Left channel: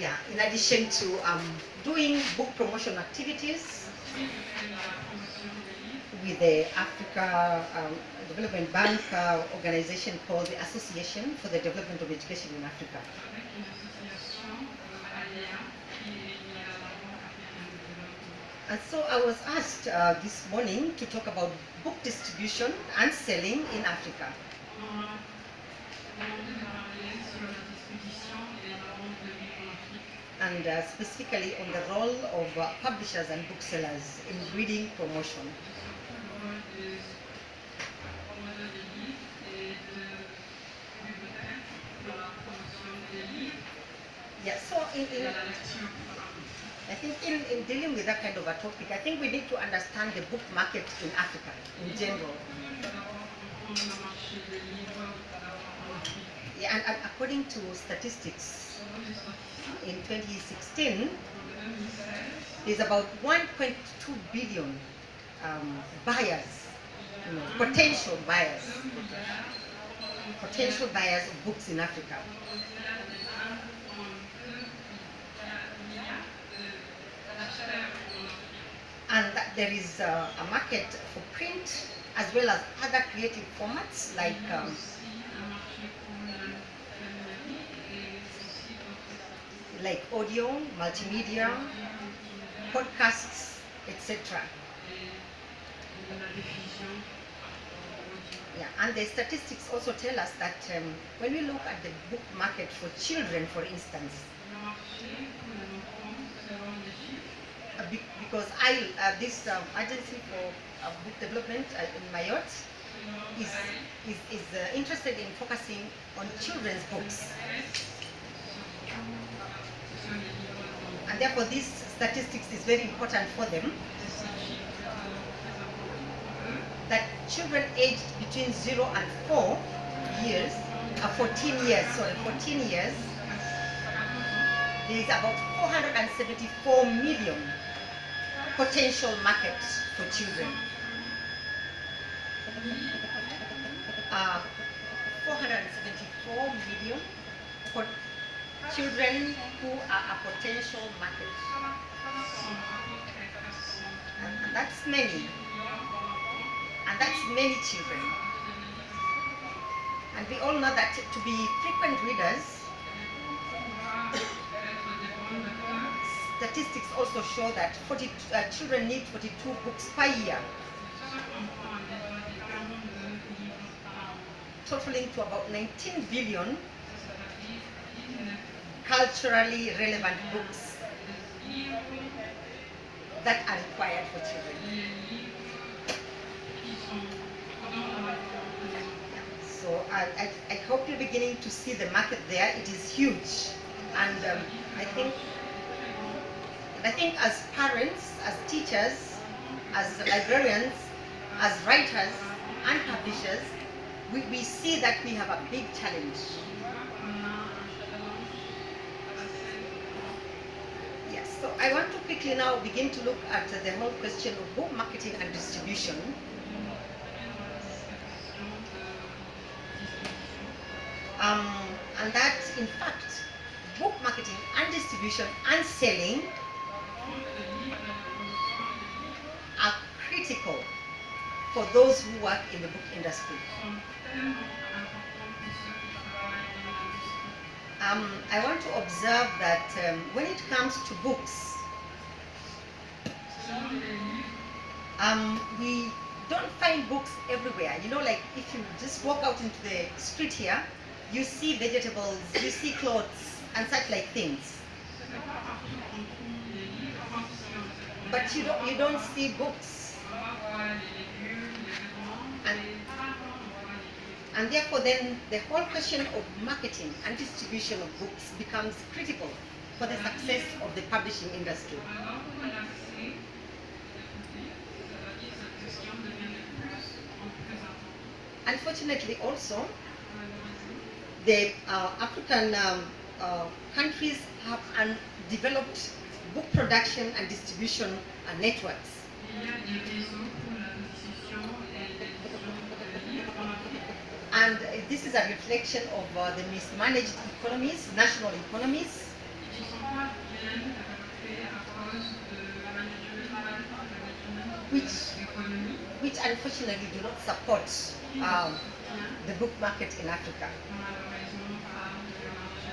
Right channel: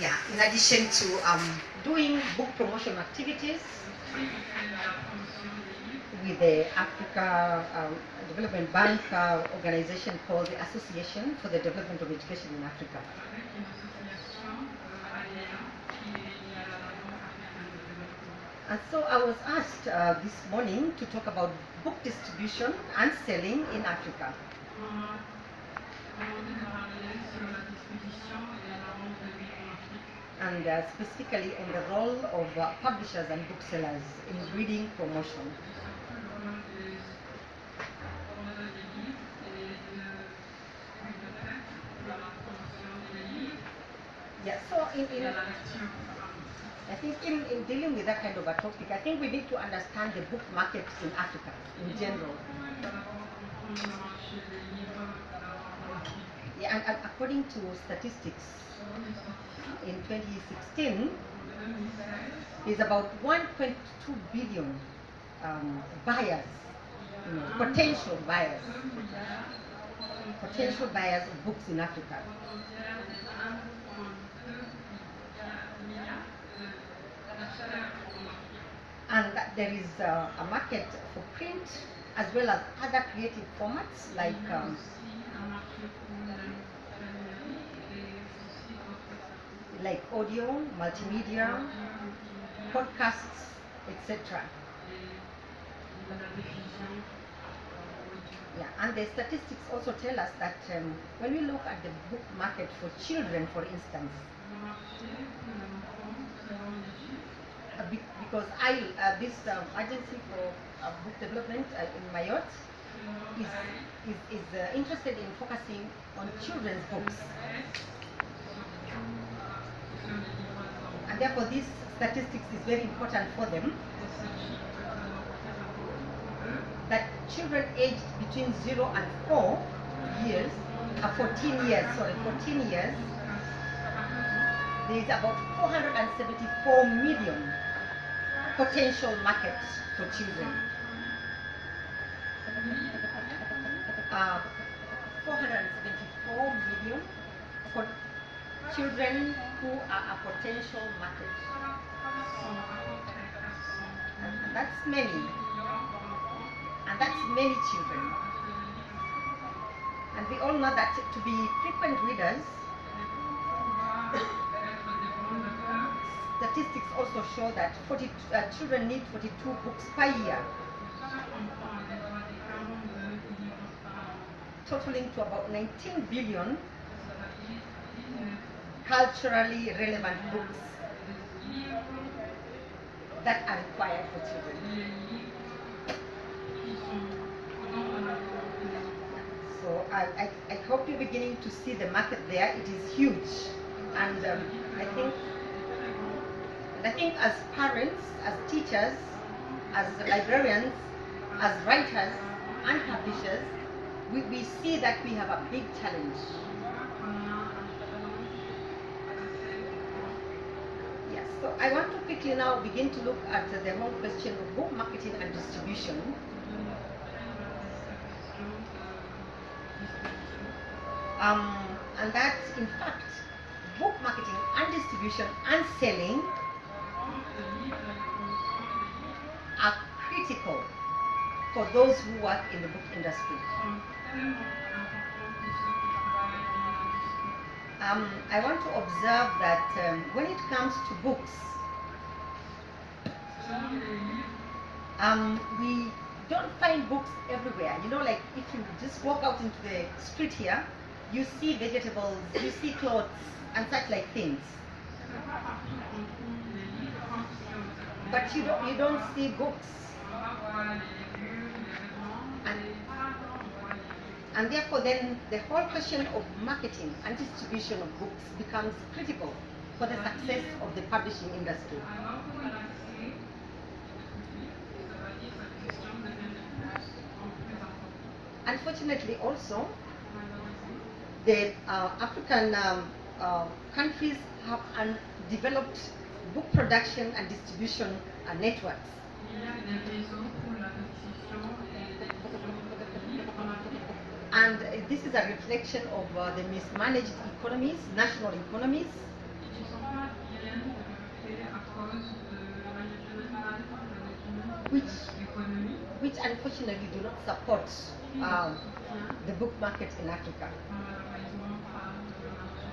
Yeah, in addition to doing book promotion activities with the Africa Development Bank organization called the Association for the Development of Education in Africa. And so I was asked this morning to talk about book distribution and selling in Africa. And specifically on the role of publishers and booksellers in reading promotion. Yeah, so I think in dealing with that kind of a topic, I think we need to understand the book market in Africa in general. Yeah, and according to statistics, in 2016, there's about 1.2 billion buyers, potential buyers of books in Africa. And that there is a market for print as well as other creative formats like audio, multimedia, podcasts, etc. Yeah, and the statistics also tell us that when we look at the book market for children, for instance, because this agency for book development in Mayotte is interested in focusing on children's books. And therefore this statistics is very important for them, that children aged between 0 and 4 years, 14 years, there is about 474 million potential markets for children. 474 million for children who are a potential market. And that's many. And that's many children. And we all know that to be frequent readers, statistics also show that children need 42 books per year, totaling to about 19 billion culturally relevant books that are required for children. So I hope you're beginning to see the market there. It is huge, and I think as parents, as teachers, as librarians, as writers and publishers, we see that we have a big challenge. Yes, so I want to quickly now begin to look at the whole question of book marketing and distribution. And that, in fact, book marketing and distribution and selling are critical for those who work in the book industry. I want to observe that when it comes to books, we don't find books everywhere. Like if you just walk out into the street here, you see vegetables, you see clothes, and such like things. But you don't see books. And therefore then the whole question of marketing and distribution of books becomes critical for the success of the publishing industry. Unfortunately also, the African countries have developed book production and distribution networks. And this is a reflection of the mismanaged economies, national economies, et qui sont pas bien développées à cause de management which, de l'économie which unfortunately do not support qui ne soutient the book market in Africa. malheureusement pas le marché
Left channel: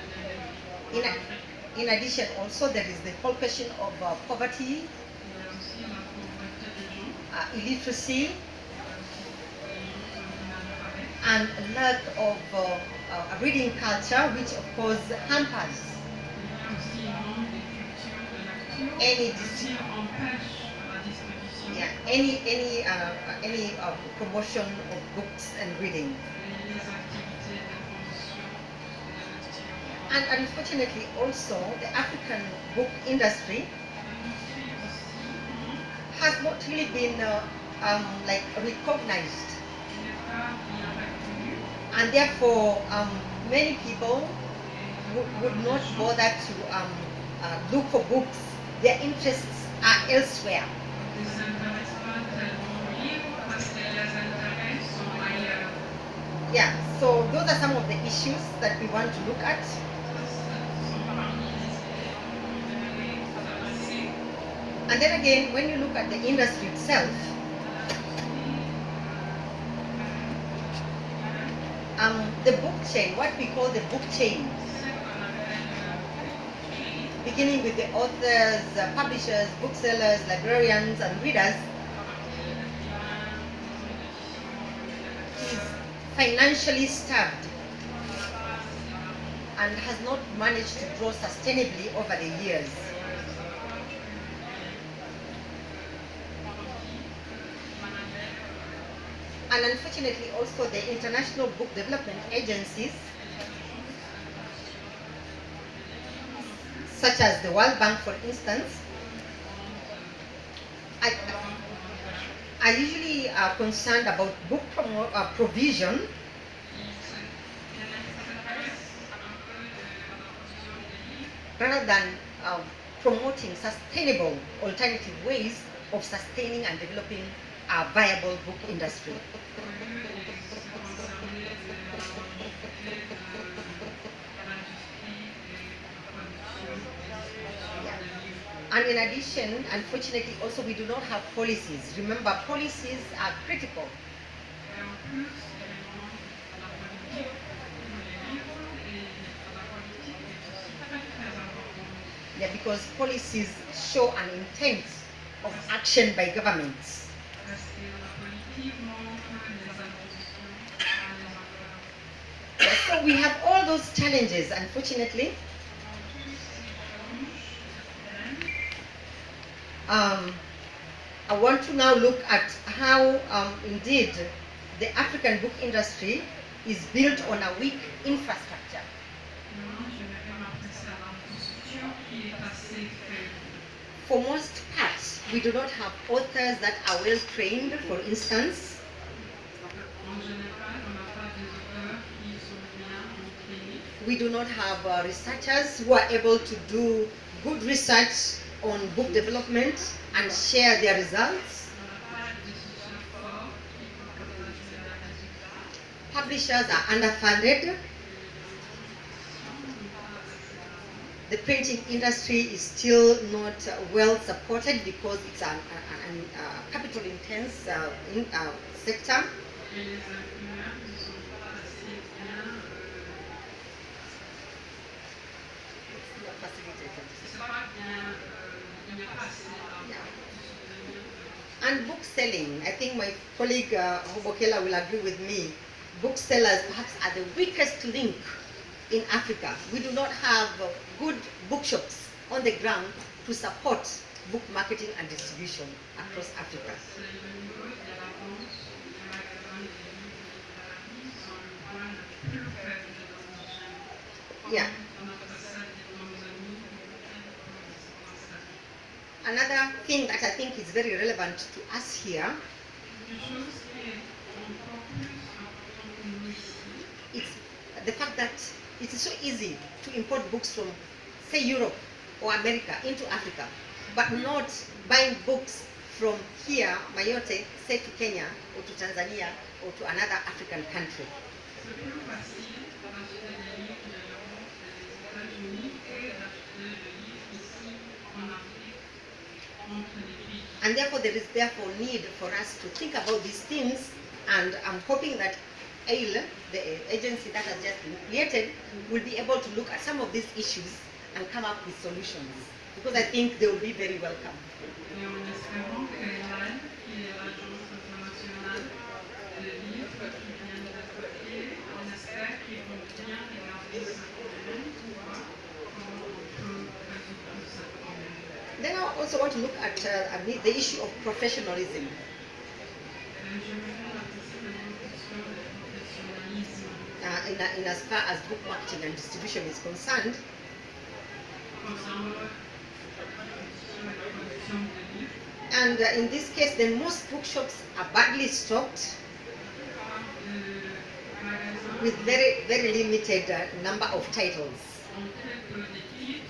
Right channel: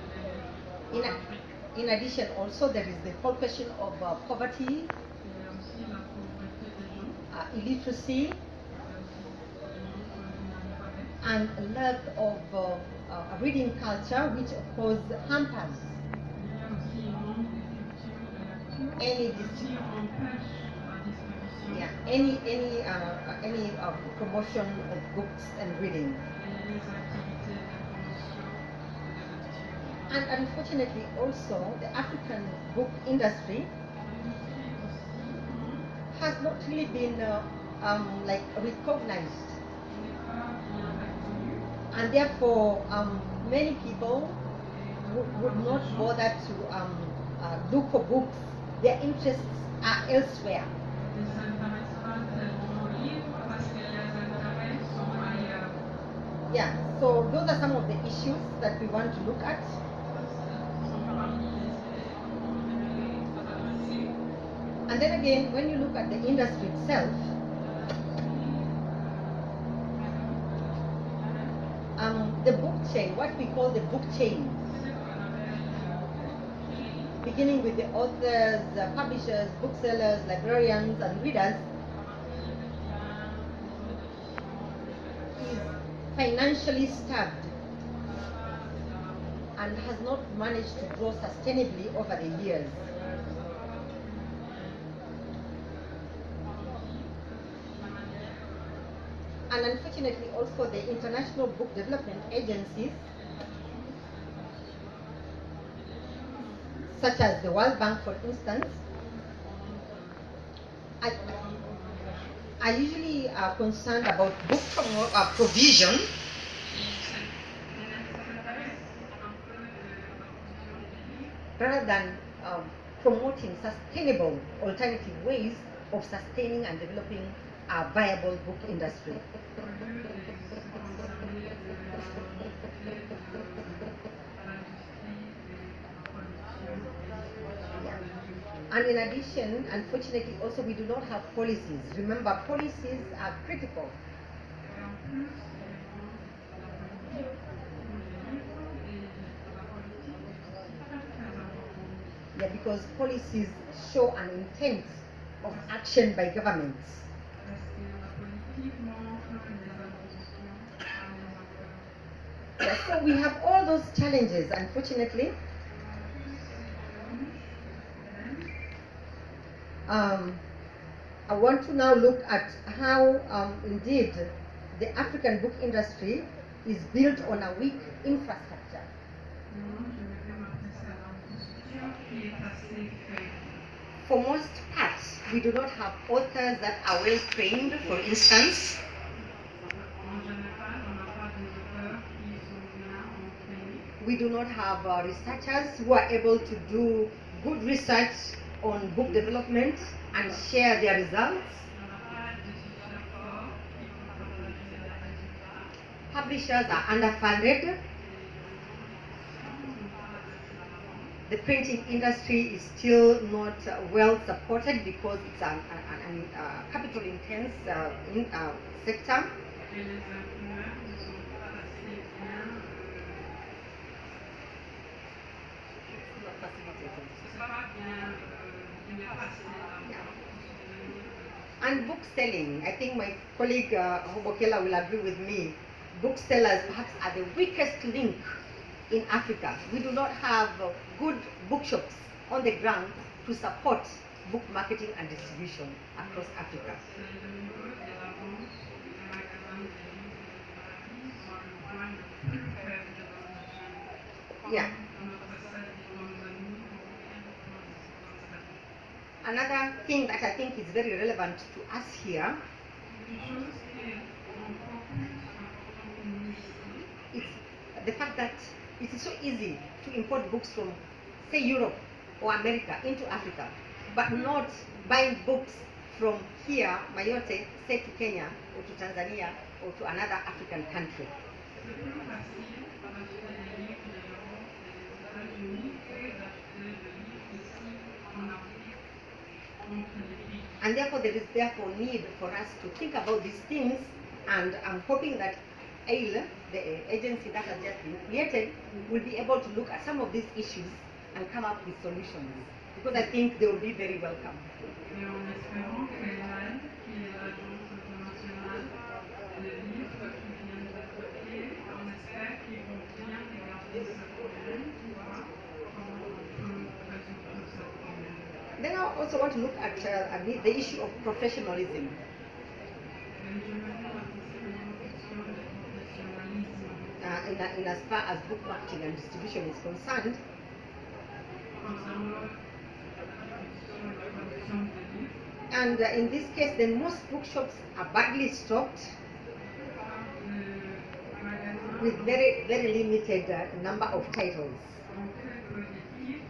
de In, livres en Afrique. in addition, also there is the whole question of poverty, Il y a aussi la pauvreté des gens, illiteracy, il y a aussi les gens sont inalphabètes. and a lack of a reading culture, which of course hampers Il y a aussi un manque de culture de lecture any qui empêche la distribution any promotion of books and reading. et les activités de promotion de la lecture. And unfortunately, also the African book industry L'industrie aussi has not really been like recognized, n'est pas bien reconnue and therefore many people would not bother to look for books. Their interests are elsewhere. ne s'intéresse pas tellement aux livres parce que les intérêts sont ailleurs. Yeah, so those are some of the issues that we want to look at. Ça, ce sont parmi les idées dont on aimerait s'adresser. And then again, when you look at the industry itself, the book chain, what we call the book chain, beginning with the authors, publishers, booksellers, librarians, and readers, is financially starved and has not managed to grow sustainably over the years. And unfortunately, also the international book development agencies, such as the World Bank, for instance, are usually concerned about book provision rather than promoting sustainable alternative ways of sustaining and developing a viable book industry. And in addition, unfortunately, also we do not have policies. Remember, policies are critical. Yeah, because policies show an intent of action by governments. Yeah, so we have all those challenges, unfortunately. I want to now look at how indeed the African book industry is built on a weak infrastructure. For most parts, we do not have authors that are well trained, for instance. We do not have researchers who are able to do good research on book development and share their results. Publishers are underfunded. The printing industry is still not well supported because it's a capital intense sector. And book selling, I think my colleague Hobokela will agree with me, booksellers perhaps are the weakest link in Africa. We do not have good bookshops on the ground to support book marketing and distribution across Africa. Yeah. Another thing that I think is very relevant to us here is the fact that it is so easy to import books from, say, Europe or America into Africa, but not buying books from here, Mayotte, say to Kenya or to Tanzania or to another African country. c'est plus facile d'acheter des livres de l'Europe et des États-Unis et d'acheter des livres ici en Afrique contre les prix. And therefore, there is therefore need for us to think about these things, and I'm hoping that AIL, the agency that has just been created, will be able to look at some of these issues and come up with solutions, because I think they will be very welcome. Et en espérant qu'ELAL, qui est l'agence internationale de livres qui vient d'être créée, on espère qu'ils vont bien regarder ce problème pour voir comment on peut résoudre ce problème. Then I also want to look at the issue of professionalism. Et je voudrais participer à une question de professionnalisme In as far as book marketing and distribution is concerned. concernant la production et la production de livres. And in this case, then most bookshops are badly stocked Les magasins with very, very limited number of titles. ont très peu de titres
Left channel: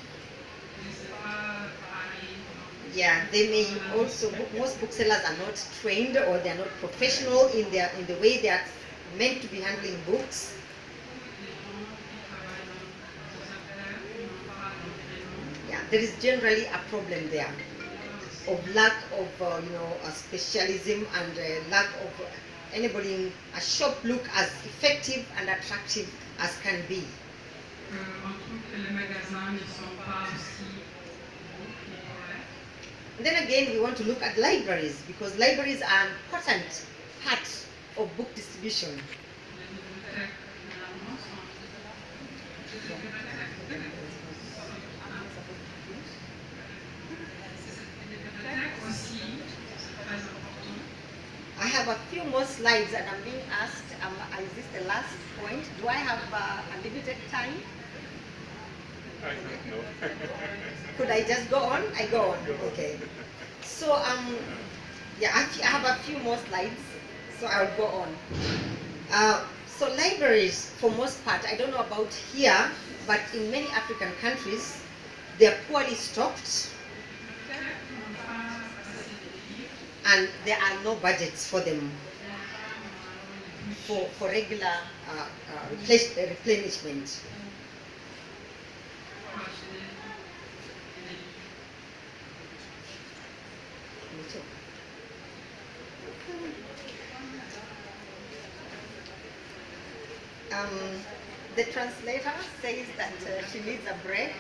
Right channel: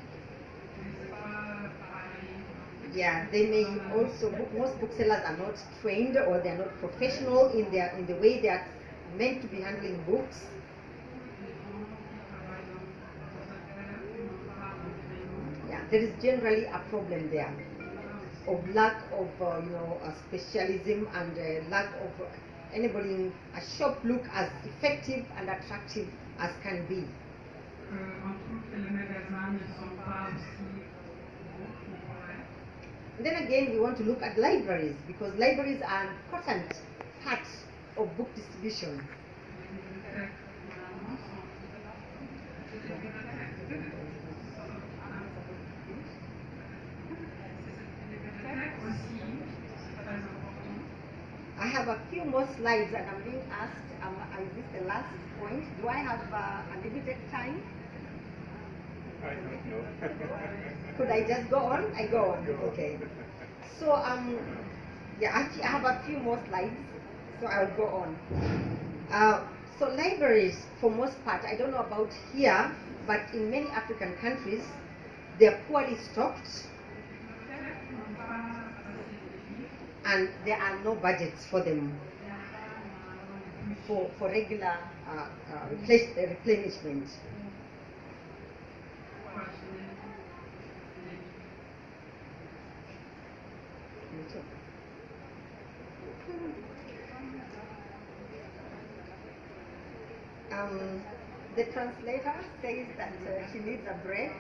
et c'est pas pareil. Yeah, they may also, most booksellers are not trained, or they are not professional in the way they are meant to be handling books. Les gens qui travaillent dans ce secteur n'ont pas d'entraînement. Yeah, there is generally a problem there of lack of specialism, and lack of enabling a shop look as effective and attractive as can be. On trouve que les magasins ne sont pas aussi bons qu'ils pourraient. And then again, we want to look at libraries, because libraries are an important part of book distribution. Les bibliothèques, finalement, sont les bibliothèques. Les bibliothèques aussi, c'est très important. I have a few more slides, and I'm being asked, is this the last point? Do I have a limited time? I don't know. Could I just go on? I go on. Okay. So yeah, I have a few more slides, so I'll go on. So libraries, for most part, I don't know about here, but in many African countries, they're poorly stocked, and there are no budgets for them for regular replenishment. The translator says that she needs a break.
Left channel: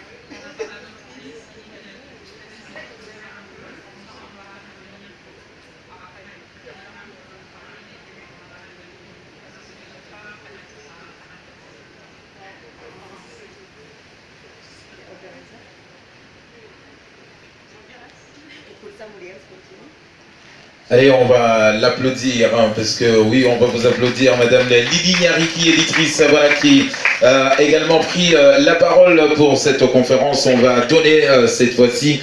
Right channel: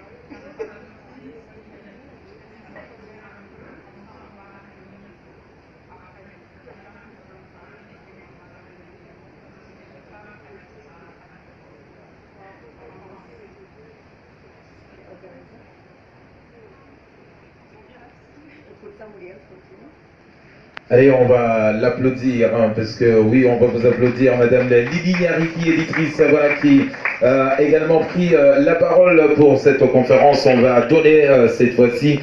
Allez, on va l'applaudir, hein, parce que oui, on va vous applaudir, Madame Lydie Nyariki, éditrice, voilà, qui a également pris la parole pour cette conférence. On va donner cette fois-ci